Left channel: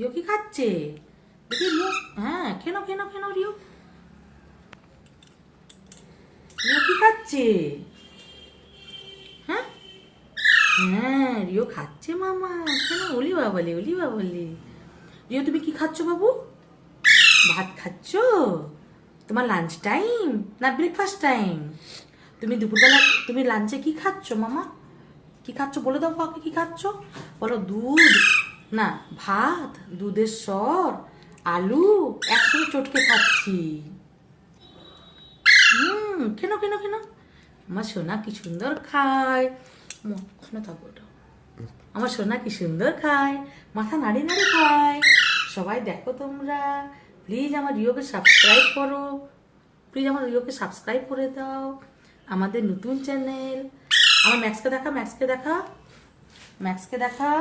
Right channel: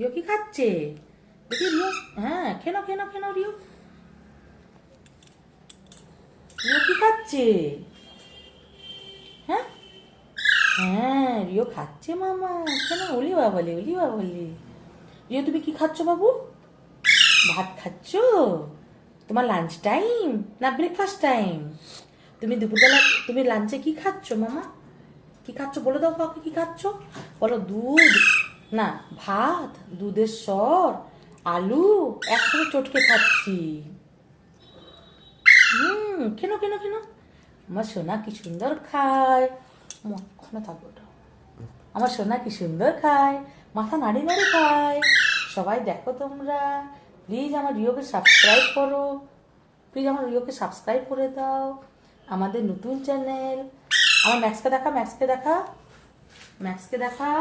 Rio কি খাচ্ছে? দেখি রিও, হ্যাঁ কেন কেন কেন রিও, রিও কি খাচ্ছে? হ্যাঁ হ্যাঁ রিও খাচ্ছে মামা, কেন ওলি বাবালি ওলি বাবালি। রিও তুমি কি খাচ্ছ বাবু? ভাত খাচ্ছ? তোমার লাঞ্চ টাইম না ব্রেকফাস্ট টাইম? তুমি দুপুরবেলা তুমি লাঞ্চে কি খাচ্ছ মামা? কি খাচ্ছ বলে দাও কাউকে, কি খাচ্ছ বলো? দুধ না ভাত, দুধের সর, আলু একসঙ্গে চটকে খাচ্ছি। কেন কেন কেন? আমার সোনা কি সুন্দর খায়, মনে থাকবো ওটা। আমার সোনা কি সুন্দর খায়, মাথা নাড়ি নাড়ি খায়। সবাই দেখো তোমরা, প্লিজ আমার রিওকে সাবস্ক্রাইব করো, প্লিজ আমার রিওকে সাবস্ক্রাইব করে দাও, আমাদের নতুন চ্যানেল। আমার ম্যাক্সকে দেখা, ম্যাক্সকে দেখা, ম্যাক্সকে দেখা।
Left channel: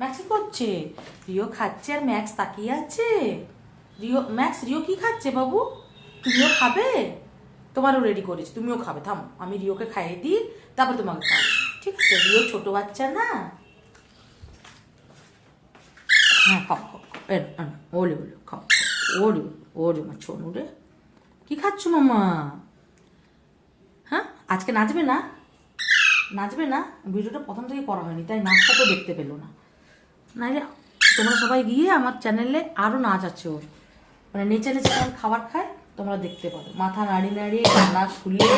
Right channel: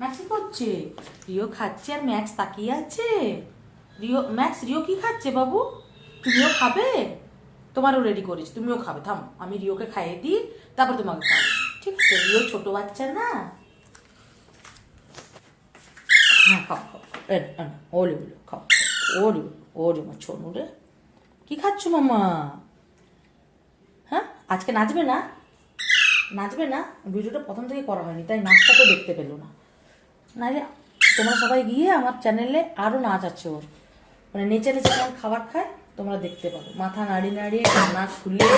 ম্যাক্স কি করছে? রিও খাচ্ছে আর ম্যাক্স তাকিয়ে আছে। রিও ম্যাক্স রিও কি খাচ্ছে বাবু? তুমিও খাবে? তোমারও রেডি করেছি, তুমিও খাবে। থামো আমি রিওকে খাইয়ে দিই, তারপর তোমাকে খাবো, ঠিক আছে? রিও ছোট বাচ্চা না। হ্যাঁ খাও খাও, ওলে ওলে খাও, ওরে ওরে মা ছোনু রে, কি খাচ্ছ মামা? হ্যাঁ আজকে নাচবে না? নাচবে না? ভিডিওটা প্রথম থেকে করা হয়নি তাই নাচটা তো দেখতে পেলো না। নাইলে তোমরা সবাই গিয়ে আমার চ্যানেলে আরও নাচ আছে ওর, মানে নেচে নেচে খাবার খায়, তোমরা দেখতে পারো। মাথা নাড়ি নাড়ি ডানা খুলে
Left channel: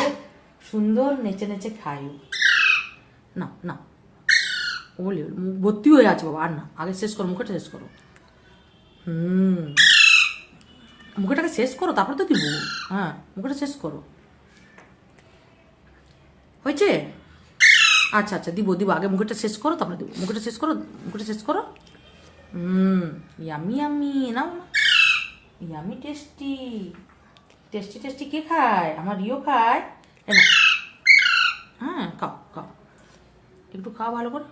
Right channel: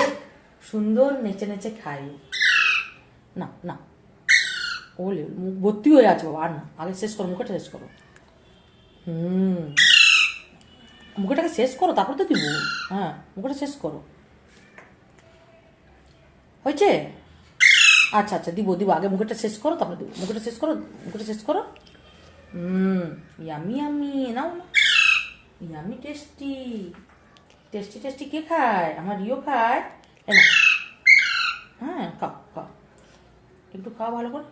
সুন্দর নেচে নেচে খায়। না না ওলে মুখ ভর্তি হয়ে আছে বাবা, আর না, আগে শেষ করো, মুখটা শেষ করো। মুখটাকে শেষ করো তারপরে তো দিব। হ্যাঁ মুখটা শেষ করো, হয়েছে? আচ্ছা আচ্ছা দিব দিব, আগে মুখটা শেষ করো তারপরে দিব। মুখটা শেষ করো, মুখটা শেষ করো। ইয়ামি ইয়ামি না, ইয়ামি টেস্টি, টেস্টি টেস্টি কে খায়? আমার রিও খায়। হ্যাঁ খাও খাও, একটু খাও ভালো করে।